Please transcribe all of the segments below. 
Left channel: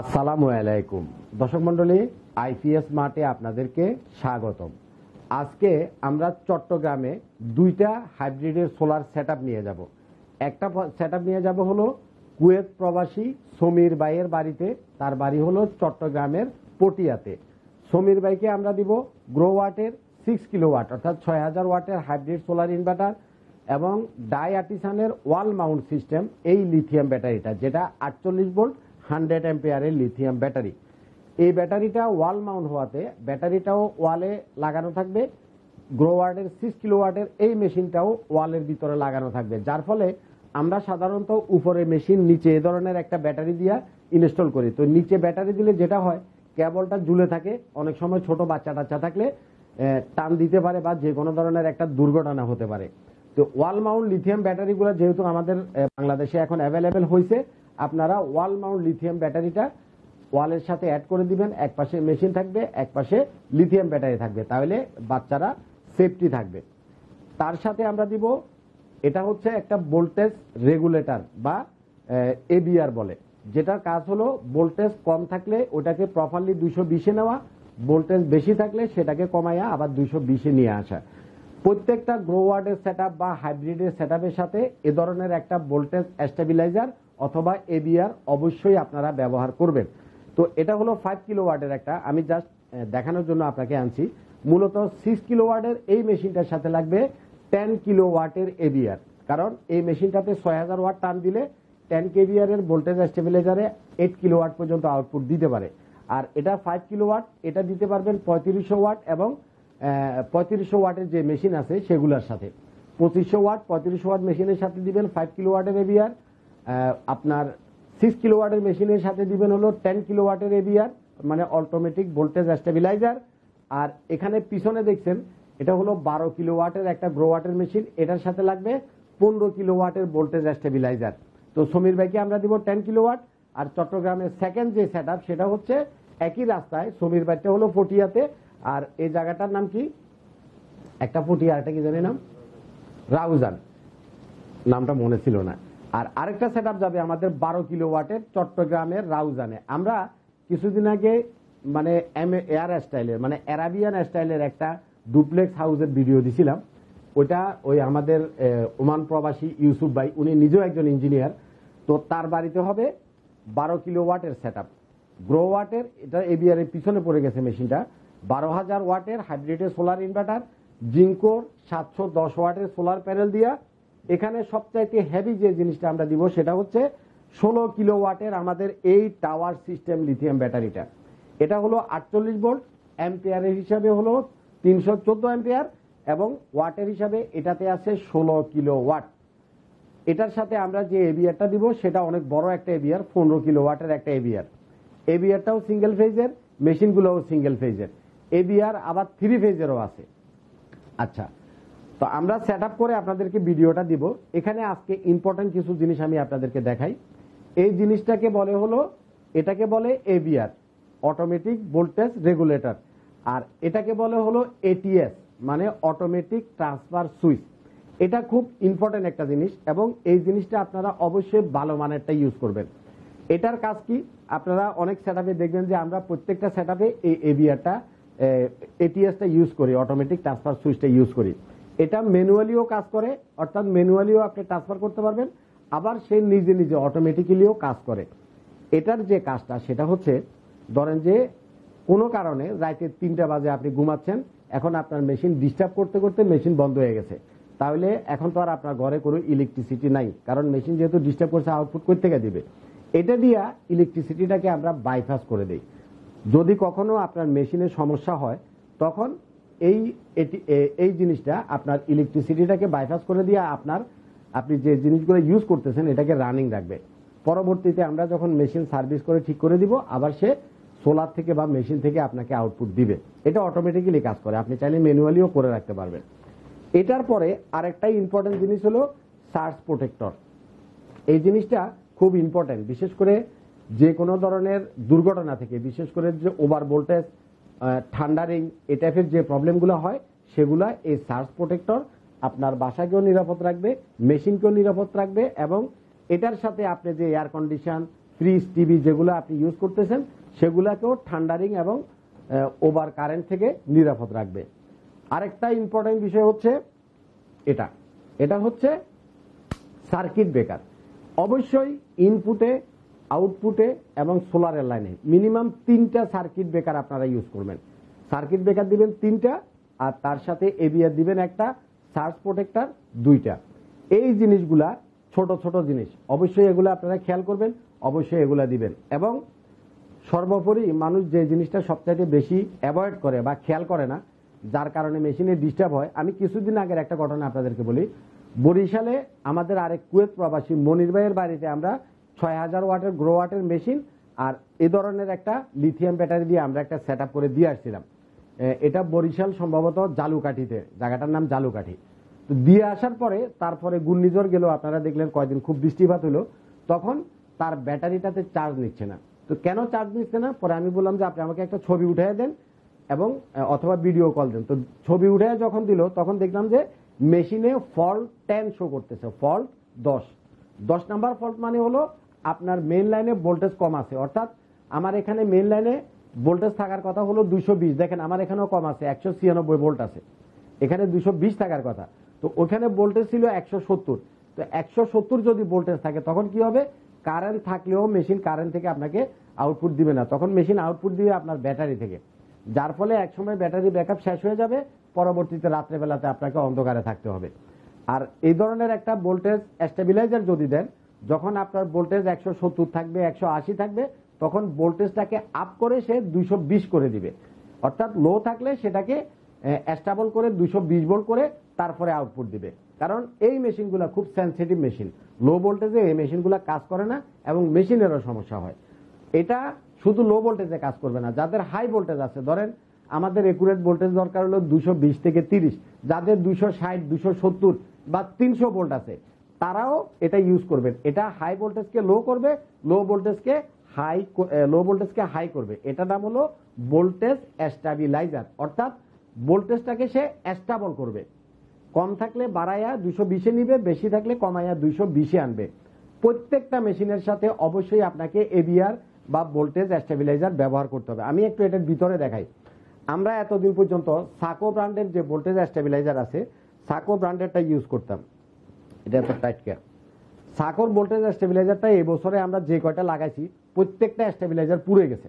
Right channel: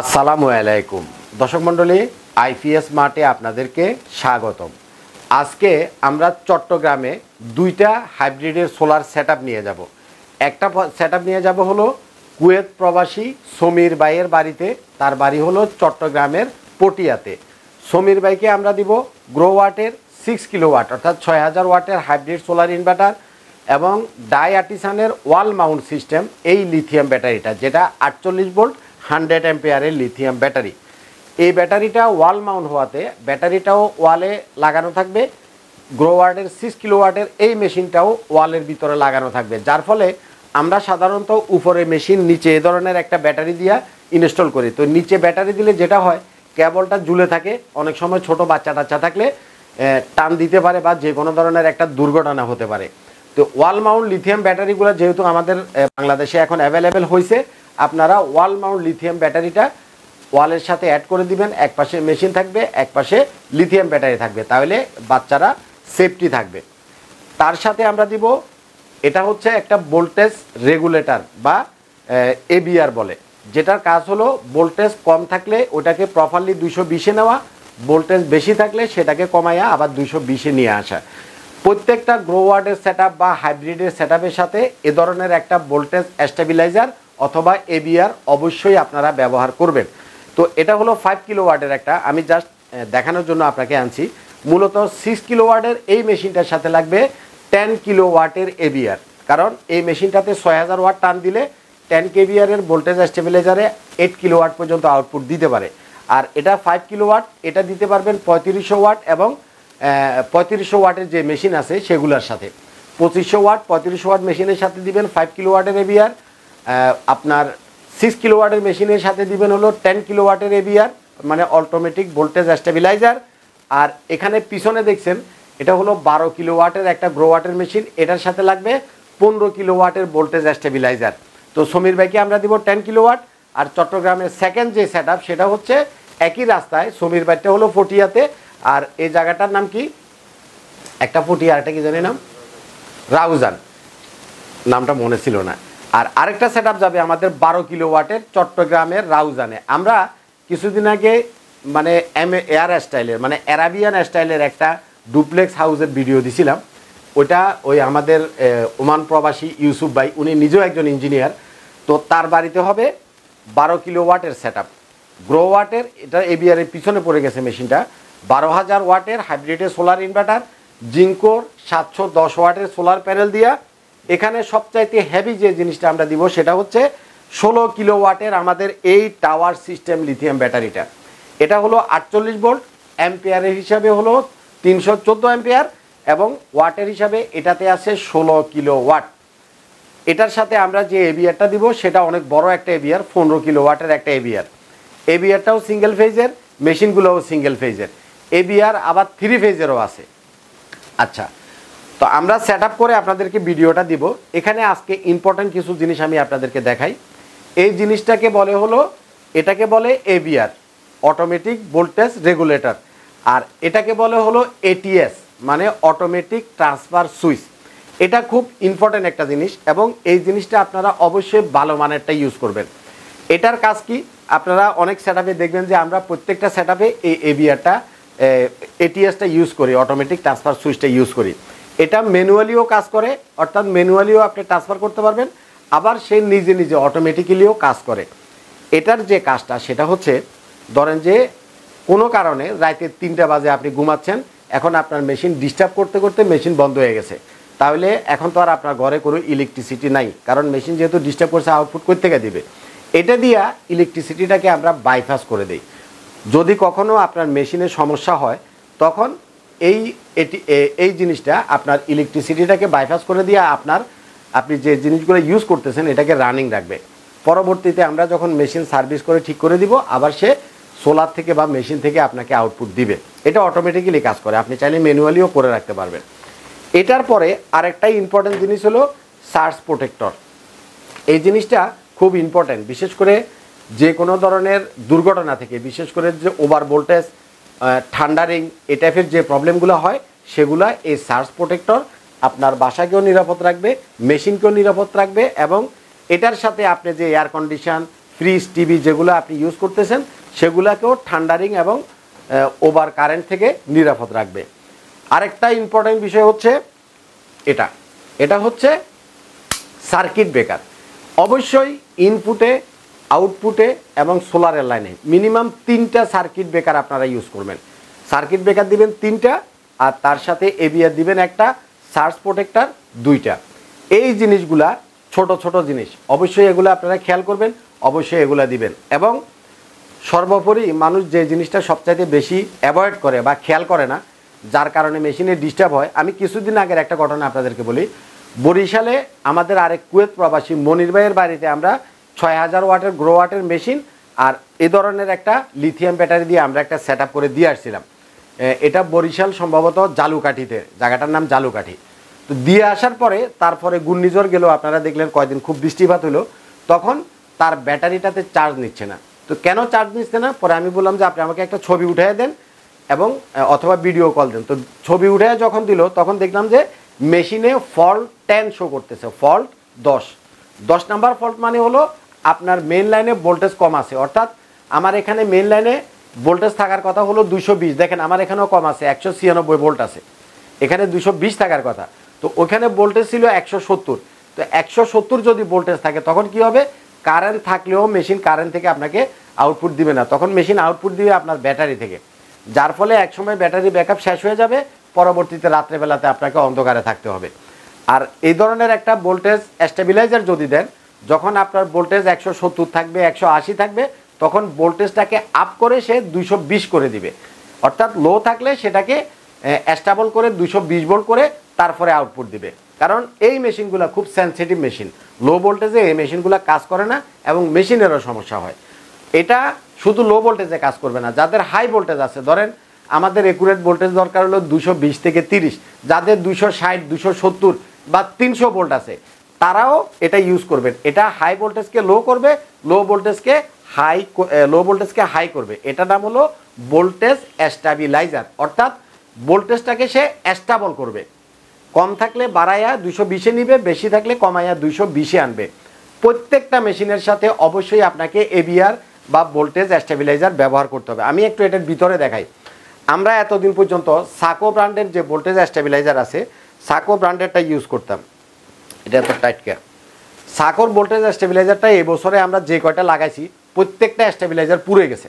আসসালামু আলাইকুম দর্শক মণ্ডলী, আইপিএস মার্টে আপনাদেরকে স্বাগতম। আজকে আমরা চট্টগ্রামে দুইটা হাইব্রিডের সোলার সেটআপ নিয়ে যাব। একটা সেটআপ নিয়ে যাব হলো কুয়েত প্রবাসী সমীর ভাইয়ের বাড়িতে। তার বাড়ি হলো চট্টগ্রামের পটিয়াতে। সমীর ভাইকে আমরা দিব গ্রোওয়াটের 6 কিলোওয়াট অর্থাৎ 6000 ওয়াটের হাইব্রিড সোলার ইনভার্টার এবং ডাই আর্টিসানের ওয়াল মাউন্ট সিস্টেম এই লিথিয়াম ব্যাটারিটা, যেটা 48 ভোল্ট 100 অ্যাম্পিয়ারের লিথিয়াম ব্যাটারি। এই ব্যাটারিটা ওয়াল মাউন্ট হওয়াতে ব্যাটারিটাও ওয়ালে লাগানো থাকবে, গ্রোওয়াটের 6 কিলোওয়াটের এই মেশিনটাও ওয়ালের ভিতরে লাগানো থাকবে, যার ফলে আমরা সাধারণত উপরে মেশিন নিচে এ ধরনের একটা ব্যাটারি দিয়ে ইনস্টল করি। তো নিচে ব্যাটারি দিলে যেটা হয়, কেবলটা ঝুলে থাকে, অনেক সময় ছোট বাচ্চা টাচ্চা থাকলে টান দিতে পারে বা যে কোনো ধরনের একটা দুর্ঘটনা হতে পারে। তো ওয়াল মাউন্ট লিথিয়াম ব্যাটারিগুলো যেহেতু আমাদের বাংলাদেশে এখন অ্যাভেলেবেল হয়েছে, আপনারা ওয়াল মাউন্ট লিথিয়াম ব্যাটারিটা ওয়ালের সাথে অ্যাড করে দিবেন। এক পাশে মেশিন থাকবে, এক পাশে লিথিয়াম ব্যাটারি থাকবে, তাহলে বাচ্চারা সেফটি থাকবে। তার সাথে আমরা দিব, এটা হচ্ছে একটা ভোল্টেজ রেগুলেটর বা এবিআর বলে, যেটার কাজ হলো ভোল্টেজ কম থাকলে ওটাকে প্রপারলি 220-এ নেওয়া, ভোল্টেজ বেশি থাকলে সেটাকে কমাইয়া আবার 220-এ নিয়ে আসা। প্রত্যেকটা গ্রোওয়ার্ডের সেটআপ বা হাইব্রিডের সেটআপের সাথে এ ধরনের একটা ভোল্টেজ স্টেবিলাইজার অথবা এবিআর অবশ্যই আপনারা ব্যবহার করবেন। তো এটা হলো 5 কিলোওয়াটের একটা, আমি জাস্ট দেখানোর জন্য আপনাকে আনছি। মূলত 6 কিলোওয়াটের এই মেশিনটার সাথে লাগবে 10 কিলোওয়াটের এবিআর, কারণ এই মেশিনটাতে 6000 ওয়াট টান দিলে 10 কেবিআরের ভোল্টেজ স্টেবিলাইজারে 8 কিলোওয়াট পর্যন্ত আউটপুট দিতে পারে। আর এটা 5 কিলোওয়াট, এটা দিতে পারবেন 3500 ওয়াট এবং 3500 ওয়াটের যে মেশিন আছে সেগুলোর সাথে। 2500 ওয়াট 3500 ওয়াট মেশিনের সাথে দিবেন 5 কিলোওয়াটের এবিআর, আপনার 6 কিলোওয়াটের মেশিনের সাথে দিবেন হলো 10 কিলোওয়াটের এবিআর, মানে অটোমেটিক ভোল্টেজ স্টেবিলাইজার। আর এখানে পিছনে দেখছেন এটা হলো 12 কিলোওয়াটের একটা গ্রোওয়াটের মেশিন, এটার সাথে লাগবে 15 কিলোওয়াটের ভোল্টেজ স্টেবিলাইজার। তো সমীর ভাইকে আমরা দিব 10 কিলোওয়াট। আর চট্টগ্রামের সেকেন্ড যে সেটআপ সেটা হচ্ছে একই রাস্তায়, সমীর ভাইটা হলো পটিয়াতে, আর এই জায়গাটার নাম কি, একটা পটিয়া আর একটা কি জানি নাম, রাউজান, নামটা মনে ছিল না। আর আরেকটা সেটআপ যাবে আমাদের 12 কিলোওয়াটের চট্টগ্রামের রাউজানে। আমরা কিছুদিন আগে মানে এয়ার স্টাইলের মানে অ্যারাবিয়ান স্টাইলের একটা ডুপ্লেক্স হাউসের ভিডিও দিছিলাম। ওইটা ওই আমাদের ওমান প্রবাসী ইউসুফ ভাই, উনি নিজেও একজন ইঞ্জিনিয়ার। তো তার বাড়িতে হবে 12 কিলোওয়াটের সেটআপ গ্রোওয়াটের, এটা এবিআরের পিছনে পড়ে গেছে মেশিনটা। 12000 ওয়াটের হাইব্রিডের সোলার ইনভার্টার, জিঙ্কোর 710 ওয়াটের সোলার প্যানেল দিয়া। এখানে সবচাইতে হেভি যে জিনিসটা আমরা দিব সেটা হচ্ছে 16 কিলোওয়াটের আমাদের এই টাওয়ার সিস্টেম লিথিয়াম ব্যাটারিটা। এটা হলো 48 ভোল্ট, অ্যাম্পিয়ারের হিসাবে হলো 314 অ্যাম্পিয়ার এবং ওয়াটের হিসাবে এটাতে আছে 16 কিলোওয়াট। এটার সাথে আমরা যে এবিআরটা দিব সেটা অনেক বড় একটা এবিআর, 15 কিলোওয়াটের একটা এবিআর। এবিআরটাও সিঙ্গেল ফেজের, মেশিনগুলোও সিঙ্গেল ফেজের। এবিআর আবার 3 ফেজেরও আছে। আচ্ছা, তো আমরা সেটআপ করে আপনাদেরকে ভিডিওটা দিব। এখানে আজকে ইম্পর্টেন্ট কিছু জিনিস আমি আপনাদেরকে দেখাই। এই জিনিসটাকে বলে হলো, এটাকে বলে এবিআর, অটোমেটিক ভোল্টেজ রেগুলেটর, আর এটাকে বলে হলো এটিএস মানে অটোমেটিক ট্রান্সফার সুইচ। এটা খুব ইম্পর্টেন্ট একটা জিনিস এবং এই জিনিসটা আপনারা অবশ্যই ভালো মানেরটা ইউজ করবেন। এটার কাজ কি, আপনারা অনেক সেটআপে দেখবেন যে আমরা প্রত্যেকটা সেটআপে এই এবিআরটা এটিএসটা ইউজ করি, অটোমেটিক ট্রান্সফার সুইচটা ইউজ করি। এটা ম্যানুয়ালিও কাজ করে, অর্থাৎ ম্যানুয়ালিও আপনি ট্রান্সফার করতে পারবেন, আবার সে নিজে নিজে অটোমেটিক্যালিও কাজ করে। এটার যে কাজটা সেটা হচ্ছে, ধরেন যে কোনো কারণে রাতে 3টা বাজে আপনি ঘুমাচ্ছেন, এখন আপনার মেশিন ডিস্টার্ব করতে করতে মেশিন বন্ধ হয়ে গেছে, তাহলে এখন তো আর আপনার ঘরে কোনো ইলেকট্রিসিটি নাই, কারণ মেশিন যেহেতু ডিস্টার্ব করছে আউটপুট কই থেকে দিবে। এটা দিয়া ইলেকট্রিসিটিটাকে আমরা বাইপাস করে দিই। যদি কখনো আপনার মেশিনের সমস্যা হয় তখন এই জিনিসটা আপনার ইলেকট্রিসিটিটাকে বাইপাস করে দিয়ে আপনি যে জিনিসগুলো ইউজ করতেছেন এটাকে রানিং রাখবে। পরবর্তীতে আমরা যখন মেশিন সার্ভিস করে ঠিক করে দিব, আবার সে সোলার থেকে বা মেশিন থেকে আপনাকে আউটপুট দিবে। এটা অটোমেটিক্যালি কাজ করে, আপনি চাইলে ম্যানুয়ালিও করে রাখতে পারবেন। এটার পরে আরেকটাই ইম্পর্টেন্ট জিনিস হলো সার্জ প্রোটেক্টর। এই জিনিসটা খুব ইম্পর্টেন্ট, বিশেষ করে যে কোনো ধরনের দুর্ঘটনা থেকে, বিশেষ করে যে ওভার ভোল্টেজ, থান্ডারিং, এই টাইপের যে প্রবলেমগুলো হয় সেগুলো এই সার্জ প্রোটেক্টর আপনার বাসাকেও নিরাপদ রাখবে, মেশিনকেও নিরাপদ রাখবে এবং এটার সাথে আপনি যে এয়ার কন্ডিশন, ফ্রিজ টিভি যেগুলো আপনি ইউজ করতেছেন সেগুলোকেও ঠান্ডারিং এবং ওভার কারেন্ট থেকে নিরাপদ রাখবে। আরেকটা ইম্পর্টেন্ট বিষয় হচ্ছে এটা হচ্ছে সার্কিট ব্রেকার। অবশ্যই ইনপুটে, আউটপুটে এবং সোলারের লাইনে মিনিমাম 3টা সার্কিট ব্রেকার আপনারা ইউজ করবেন। সার্কিট ব্রেকার দিবেন 3টা, আর তার সাথে এবিআর দিবেন একটা, সার্জ প্রোটেক্টর 2টা। এই জিনিসগুলা ছোট ছোট জিনিস, অবশ্যই এগুলো আপনারা খেয়াল করবেন, অবশ্যই এগুলা দিবেন। এবং সর্বোপরি মানুষ যে জিনিসটা সবচাইতে বেশি অ্যাভয়েড করে বা খেয়াল করে না, যার কারণে মেশিনে ডিস্টার্ব হয়, আমি কিছুদিন আগের একটা ঘটনা আপনাদেরকে বলি। বরিশালে আমাদের আরেক কুয়েত প্রবাসী মনির ভাইয়ের বাড়িতে আমরা 6000 ওয়াটের গ্রো ওয়াটের মেশিন আর এ ধরনের একটা লিথিয়াম ব্যাটারি দিয়ে আমরা একটা সেট করে দিয়ে আসছিলাম। এটা বরিশাল সম্ভবত জালুকাঠিতে, জায়গাটার নাম জালুকাঠি। তো দিয়ে আসার পরে তারপরে ঘূর্ণিঝড় গেল, আপনারা দেখলেন কয়েকদিন খুব বৃষ্টিপাত হলো, তখন তার ব্যাটারিটাতে চার্জ নিচ্ছে না। তো কেন চার্জ নিচ্ছে না, পরে আমি বললাম যে আপনি আমাকে একটা ছবি উঠিয়ে দেন এবং অথবা ভিডিও কল দেন। তো ছবি উঠে যখন দিল তখন দেখলাম যে মেশিনে ফল্ট 10 শো করতেছে, ফল্ট 10 নাম্বার ফল্ট মানে হলো আপনার মেইন লাইনে ভোল্টেজ কম আছে। অর্থাৎ আমার এখানে মেইন লাইনে ভোল্টেজ থাকার কথা হলো 220, দেখেন আমার এখানেও কম আছে, 196 ভোল্ট আছে, এখানে 220 থাকার কথা। তো ওখানে ভোল্টেজ ছিল 170। তো 170 যদি ভোল্টেজ থাকে তখন কি হবে, কারেন্ট থাকলেও মেশিন কারেন্ট থেকে আপনাকে আউটপুট দিবে না, তখন মেশিন আউটপুট দিবে আপনার ব্যাটারি থেকে, যার ফলে একসময় ব্যাটারি ব্যাকআপ শেষ হয়ে যাবে, পরবর্তীতে রাত্রেবেলাতে আপনাকে অন্ধকারে থাকতে হবে। আর এই ধরনের একটা ভোল্টেজ স্টেবিলাইজার যদি দেন, যখন আপনার ভোল্টেজ 170 থাকবে, 180 থাকবে, তখন ভোল্টেজটাকে আপ করে সে 220 করে দিবে। অর্থাৎ লো থাকলে সেটাকে স্টেবল করে 220 ভোল্ট করে তারপরে আউটপুট দিবে। কারণ এই মেশিনগুলো খুব সেনসিটিভ মেশিন, লো ভোল্টেজে এই মেশিনগুলো কাজ করে না এবং মেশিনেরও সমস্যা হয়। এটা শুধু লো ভোল্টেজে কাজ করবে না, যাদের হাই ভোল্টেজ আছে, ধরেন আমাদের একুরেট ভোল্টেজ দরকার হলো 220 থেকে 30, যাদের 260, 270 বা 300 ভোল্ট আছে তারাও এটা ইউজ করবেন। এটা হাই ভোল্টেজকে লো করবে, লো ভোল্টেজকে হাই করবে। এটা নাম হলো ভোল্টেজ স্ট্যাবিলাইজার, অর্থাৎ ভোল্টেজটাকে সে স্টেবল করবে। কম থাকলে বাড়াইয়া 220-এ নিবে, বেশি থাকলে কমাইয়া 220-এ আনবে। প্রত্যেকটা মেশিনের সাথে অবশ্যই আপনাকে এবিআর বা ভোল্টেজ স্টেবিলাইজার ব্যবহার করতে হবে। আমি একটু এটার ভিতরে দেখাই। আমরা এতদিন পর্যন্ত সাকো ব্র্যান্ডের যে ভোল্টেজ স্টেবিলাইজার আছে, সাকো ব্র্যান্ডেরটা ইউজ করতাম। এটা এত টাইট কেয়ার। সাকোর ভোল্টেজ স্টেবিলাইজারটা এই বছরে আমরা যে কয়টা লাগাইছি প্রত্যেকটা স্টেবিলাইজার পুড়ে গেছে,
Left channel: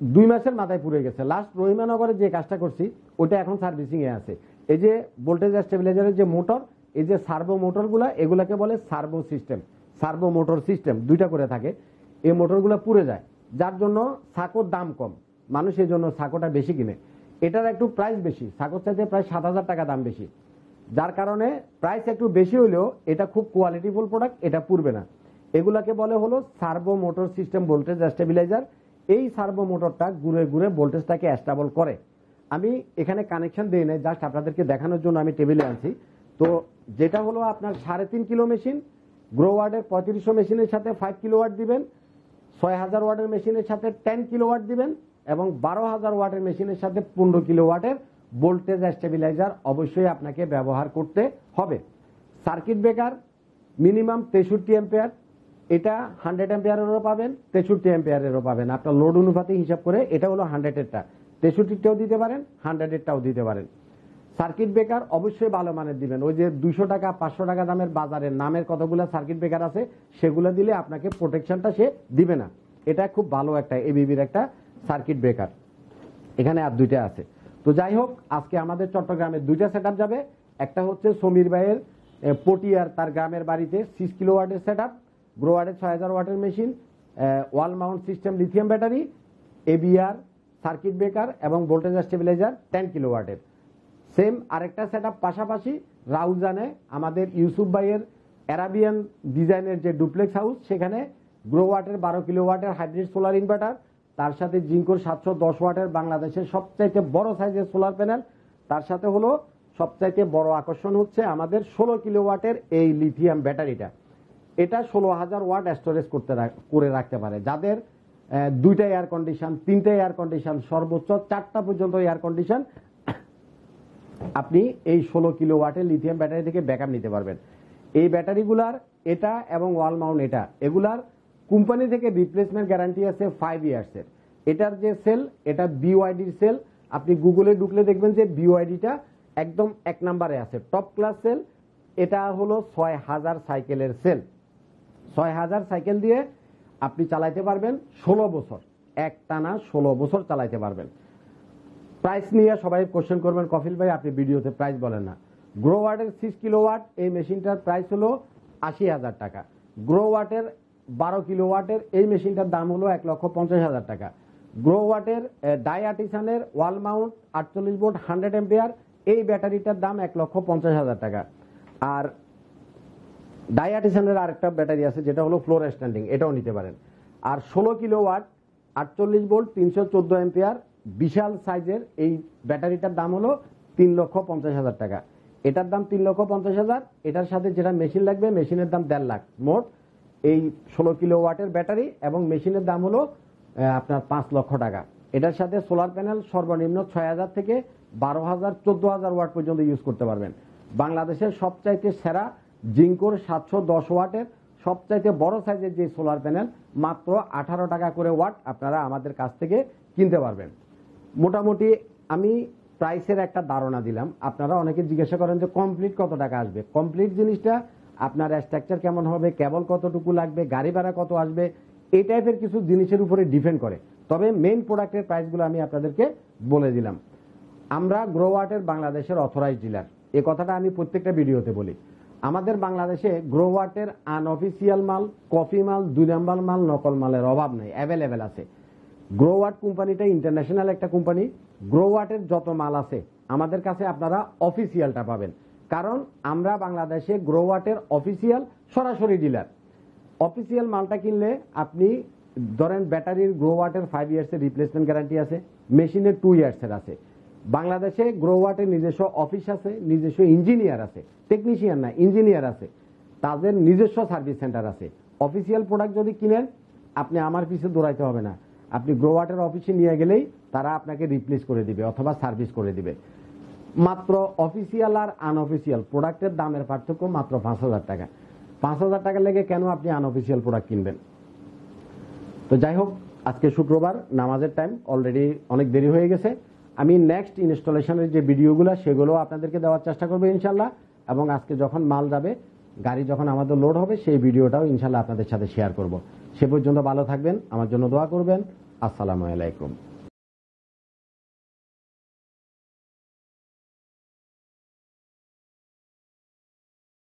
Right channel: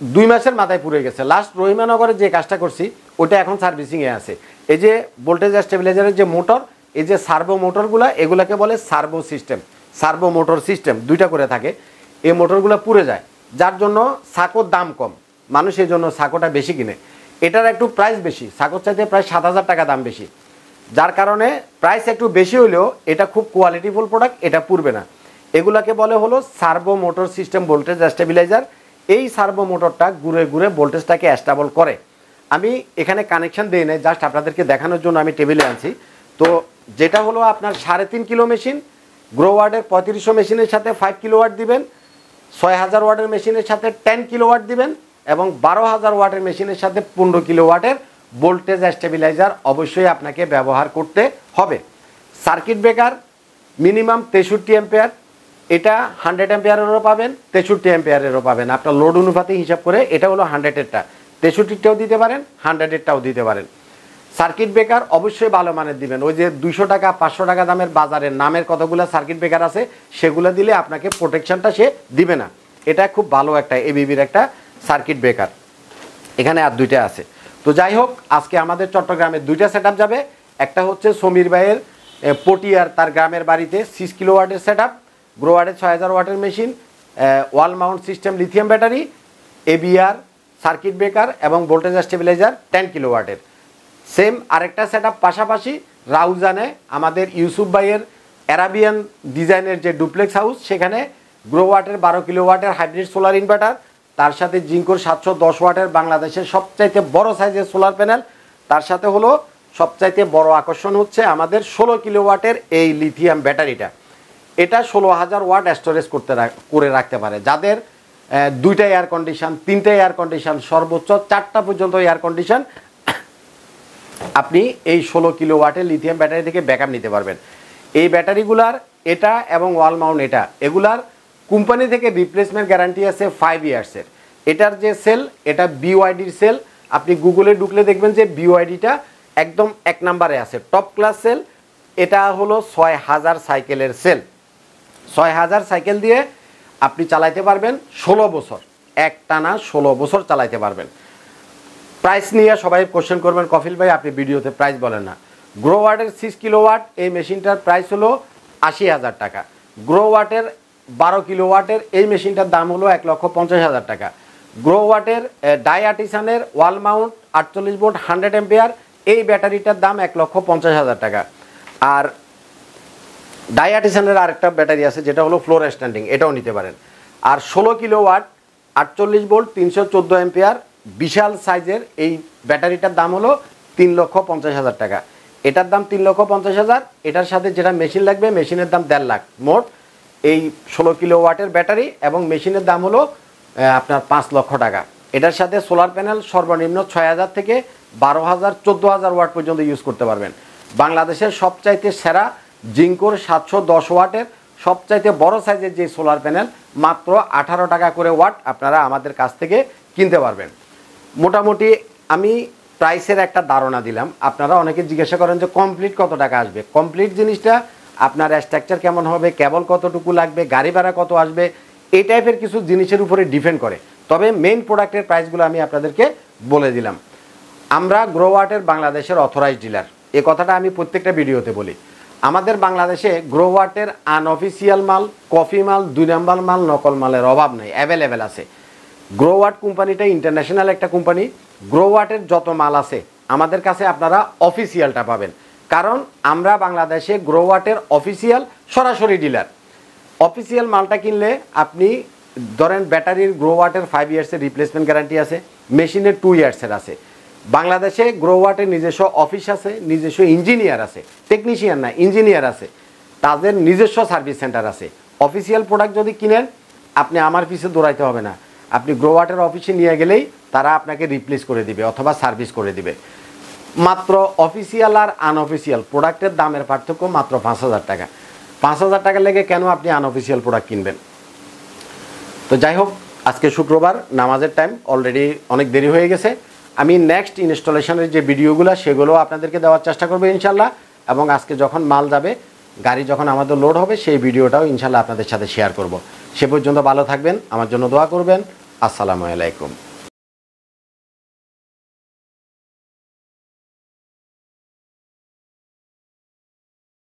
2 মাসের মাথায় পুড়ে গেছে। লাস্ট রহিমানগরে যে কাজটা করছি ওটা এখন সার্ভিসিংয়ে আছে। এই যে ভোল্টেজ স্টেবিলাইজারের যে মোটর, এই যে সার্ভো মোটরগুলো, এগুলাকে বলে servo system, servo motor system 2টা করে থাকে। এই মোটরগুলো পুড়ে যায়, যার জন্য সাকোর দাম কম, মানুষ এই জন্য সাকোটা বেশি কিনে। এটার একটু প্রাইস বেশি, সাকোর চাইতে প্রায় 7000 টাকা দাম বেশি, যার কারণে প্রাইস একটু বেশি হলেও এটা খুব কোয়ালিটিফুল প্রোডাক্ট, এটা পুড়বে না। এগুলাকে বলে হলো servo motor system voltage stabiliser. এই সার্ভো মোটরটা ঘুরে ঘুরে ভোল্টেজটাকে স্টেবল করে। আমি এখানে কানেকশন দিই নাই, জাস্ট আপনাদেরকে দেখানোর জন্য আমি টেবিলে আনছি। তো যেটা হলো আপনার 3.5 কিলো মেশিন, গ্রো ওয়ার্ডের 3500 মেশিনের সাথে 5 কিলো ওয়াট দিবেন, 6000 ওয়াটের মেশিনের সাথে 10 কিলো ওয়াট দিবেন এবং 12000 ওয়াটের মেশিনের সাথে 15 কিলো ওয়াটের ভোল্টেজ স্টেবিলাইজার অবশ্যই আপনাকে ব্যবহার করতে হবে। সার্কিট ব্রেকার মিনিমাম 63 অ্যাম্পিয়ার, এটা 100 অ্যাম্পিয়ারেরও পাবেন, 63 অ্যাম্পিয়ারেরও পাবেন। আপনার লোড অনুপাতে হিসাব করে এটা হলো 100-এরটা, 63টাও দিতে পারেন, 100-এরটাও দিতে পারেন। সার্কিট ব্রেকার অবশ্যই ভালো মানের দিবেন। ওই যে 200 টাকা 500 টাকা দামের বাজারের নামের কতগুলো সার্কিট ব্রেকার আছে, সেগুলো দিলে আপনাকে প্রোটেকশনটা সে দিবে না। এটা খুব ভালো একটা এবিবির একটা সার্কিট ব্রেকার। এখানে আর 2টা আছে। তো যাই হোক, আজকে আমাদের চট্টগ্রামে 2টা সেটআপ যাবে। একটা হচ্ছে সমীর ভাইয়ের পটিয়ার তার গ্রামের বাড়িতে 6 কিলো ওয়াটের সেটআপ, গ্রো ওয়ার্ডের 6000 ওয়াটের machine, wall mount system lithium battery, ABR, circuit breaker এবং ভোল্টেজ স্টেবিলাইজার 10 কিলো ওয়াটের। সেম আরেকটা সেটআপ পাশাপাশি রাউজানে আমাদের ইউসুফ ভাইয়ের অ্যারাবিয়ান ডিজাইনের যে ডুপ্লেক্স হাউস, সেখানে গ্রো ওয়াটের 12 কিলো ওয়াটের হাইব্রিড সোলার ইনভার্টার, তার সাথে জিঙ্কোর 710 ওয়াটের বাংলাদেশের সবচাইতে বড় সাইজের সোলার প্যানেল, তার সাথে হলো সবচাইতে বড় আকর্ষণ হচ্ছে আমাদের 16 কিলো ওয়াটের এই লিথিয়াম ব্যাটারিটা। এটা 16000 ওয়াট স্টোরেজ করে রাখতে পারে। যাদের 2টা এয়ার কন্ডিশন, 3টা এয়ার কন্ডিশন, সর্বোচ্চ 4টা পর্যন্ত এয়ার কন্ডিশন, আপনি এই 16 কিলো ওয়াটের লিথিয়াম ব্যাটারি থেকে ব্যাকআপ নিতে পারবেন। এই ব্যাটারিগুলার এটা এবং ওয়াল মাউন্ট এগুলার কোম্পানি থেকে রিপ্লেসমেন্ট গ্যারান্টি আছে 5 ইয়ার্সের। এটার যে সেল, এটা বিওআইডির সেল। আপনি গুগলে ঢুকলে দেখবেন যে বিওআইডিটা একদম 1 নম্বরে আছে, টপ ক্লাস সেল। এটা হলো 6000 সাইকেলের সেল। 6000 সাইকেল দিয়ে আপনি চালাইতে পারবেন 16 বছর, একটানা 16 বছর চালাইতে পারবেন। প্রাইস নিয়ে সবাই কোশ্চেন করবেন, কফিল ভাই আপনি ভিডিওতে প্রাইস বলেন না। গ্রোওয়াটের 6 কিলোওয়াট এই মেশিনটার প্রাইস হলো 80,000 টাকা। গ্রোওয়াটের 12 কিলোওয়াটের এই মেশিনটার দাম হলো 1,50,000 টাকা। গ্রোওয়াটের ডায়াটিসানের ওয়াল মাউন্ট 48 ভোল্ট 100 এম্পিয়ার এই ব্যাটারিটার দাম 1,50,000 টাকা। আর ডায়াটিসানের আরেকটা ব্যাটারি আছে যেটা হলো ফ্লোর স্ট্যান্ডিং, এটাও নিতে পারেন। আর 16 কিলোওয়াট 48 ভোল্ট 314 এম্পিয়ার বিশাল সাইজের এই ব্যাটারিটার দাম হলো 3,50,000 টাকা। এটার দাম 3,50,000। এটার সাথে যেটা মেশিন লাগবে, মেশিনের দাম 1.5 লাখ। মোট এই 16 কিলোওয়াটের ব্যাটারি এবং মেশিনের দাম হলো আপনার 5 লক্ষ টাকা। এটার সাথে সোলার প্যানেল সর্বনিম্ন 6,000 থেকে 12,000 14,000 ওয়াট পর্যন্ত ইউজ করতে পারবেন। বাংলাদেশের সবচাইতে সেরা জিঙ্কোর 710 ওয়াটের সবচাইতে বড় সাইজের যে সোলার প্যানেল মাত্র 18 টাকা করে ওয়াট আপনারা আমাদের কাছ থেকে কিনতে পারবেন। মোটামুটি আমি প্রাইসের একটা ধারণা দিলাম। আপনারা অনেকে জিজ্ঞাসা করেন যে কমপ্লিট কত টাকা আসবে। কমপ্লিট জিনিসটা আপনার স্ট্রাকচার কেমন হবে, কেবল কতটুকু লাগবে, গাড়ি ভাড়া কত আসবে, এই টাইপের কিছু জিনিসের উপরে ডিপেন্ড করে। তবে মেইন প্রোডাক্টের প্রাইসগুলো আমি আপনাদেরকে বলে দিলাম। আমরা গ্রোওয়াটের বাংলাদেশের অথরাইজড ডিলার, এ কথাটা আমি প্রত্যেকটা ভিডিওতে বলি। আমাদের বাংলাদেশে গ্রোওয়াটের আনঅফিসিয়াল মাল, কফি মাল, 2 নম্বর মাল, নকল মালের অভাব নেই, অ্যাভেলেবেল আছে। গ্রোওয়াট কোম্পানিটা ইন্টারন্যাশনাল একটা কোম্পানি। গ্রোওয়াটের যত মাল আছে আমাদের কাছে আপনারা অফিসিয়ালটা পাবেন, কারণ আমরা বাংলাদেশে গ্রোওয়াটের অফিসিয়াল সরাসরি ডিলার। অফিসিয়াল মালটা কিনলে আপনি ধরেন ব্যাটারির গ্রোওয়াটের 5 ইয়ার্সের রিপ্লেসমেন্ট গ্যারান্টি আছে, মেশিনের 2 ইয়ার্সের আছে। বাংলাদেশে গ্রোওয়াটের নিজস্ব অফিস আছে, নিজস্ব ইঞ্জিনিয়ার আছে, টেকনিশিয়ান না ইঞ্জিনিয়ার আছে, তাদের নিজস্ব সার্ভিস সেন্টার আছে। অফিসিয়াল প্রোডাক্ট যদি কিনেন আপনি আমার পিছে দৌড়াইতে হবে না, আপনি গ্রোওয়াটের অফিসে নিয়ে গেলেই তারা আপনাকে রিপ্লেস করে দিবে অথবা সার্ভিস করে দিবে। মাত্র অফিসিয়াল আর আনঅফিসিয়াল প্রোডাক্টের দামের পার্থক্য মাত্র 5,000 টাকা। 5,000 টাকা লেগে কেন আপনি আনঅফিসিয়াল প্রোডাক্ট কিনবেন? তো যাই হোক, আজকে শুক্রবার, নামাজের টাইম, অলরেডি অনেক দেরি হয়ে গেছে। আমি নেক্সট ইনস্টলেশনের যে ভিডিওগুলো সেগুলো আপনাদেরকে দেওয়ার চেষ্টা করবো ইনশাল্লাহ। এবং আজকে যখন মাল যাবে, গাড়ি যখন আমাদের লোড হবে, সেই ভিডিওটাও ইনশাল্লাহ আপনাদের সাথে শেয়ার করব। সে পর্যন্ত ভালো থাকবেন, আমার জন্য দোয়া করবেন। আসসালামু আলাইকুম।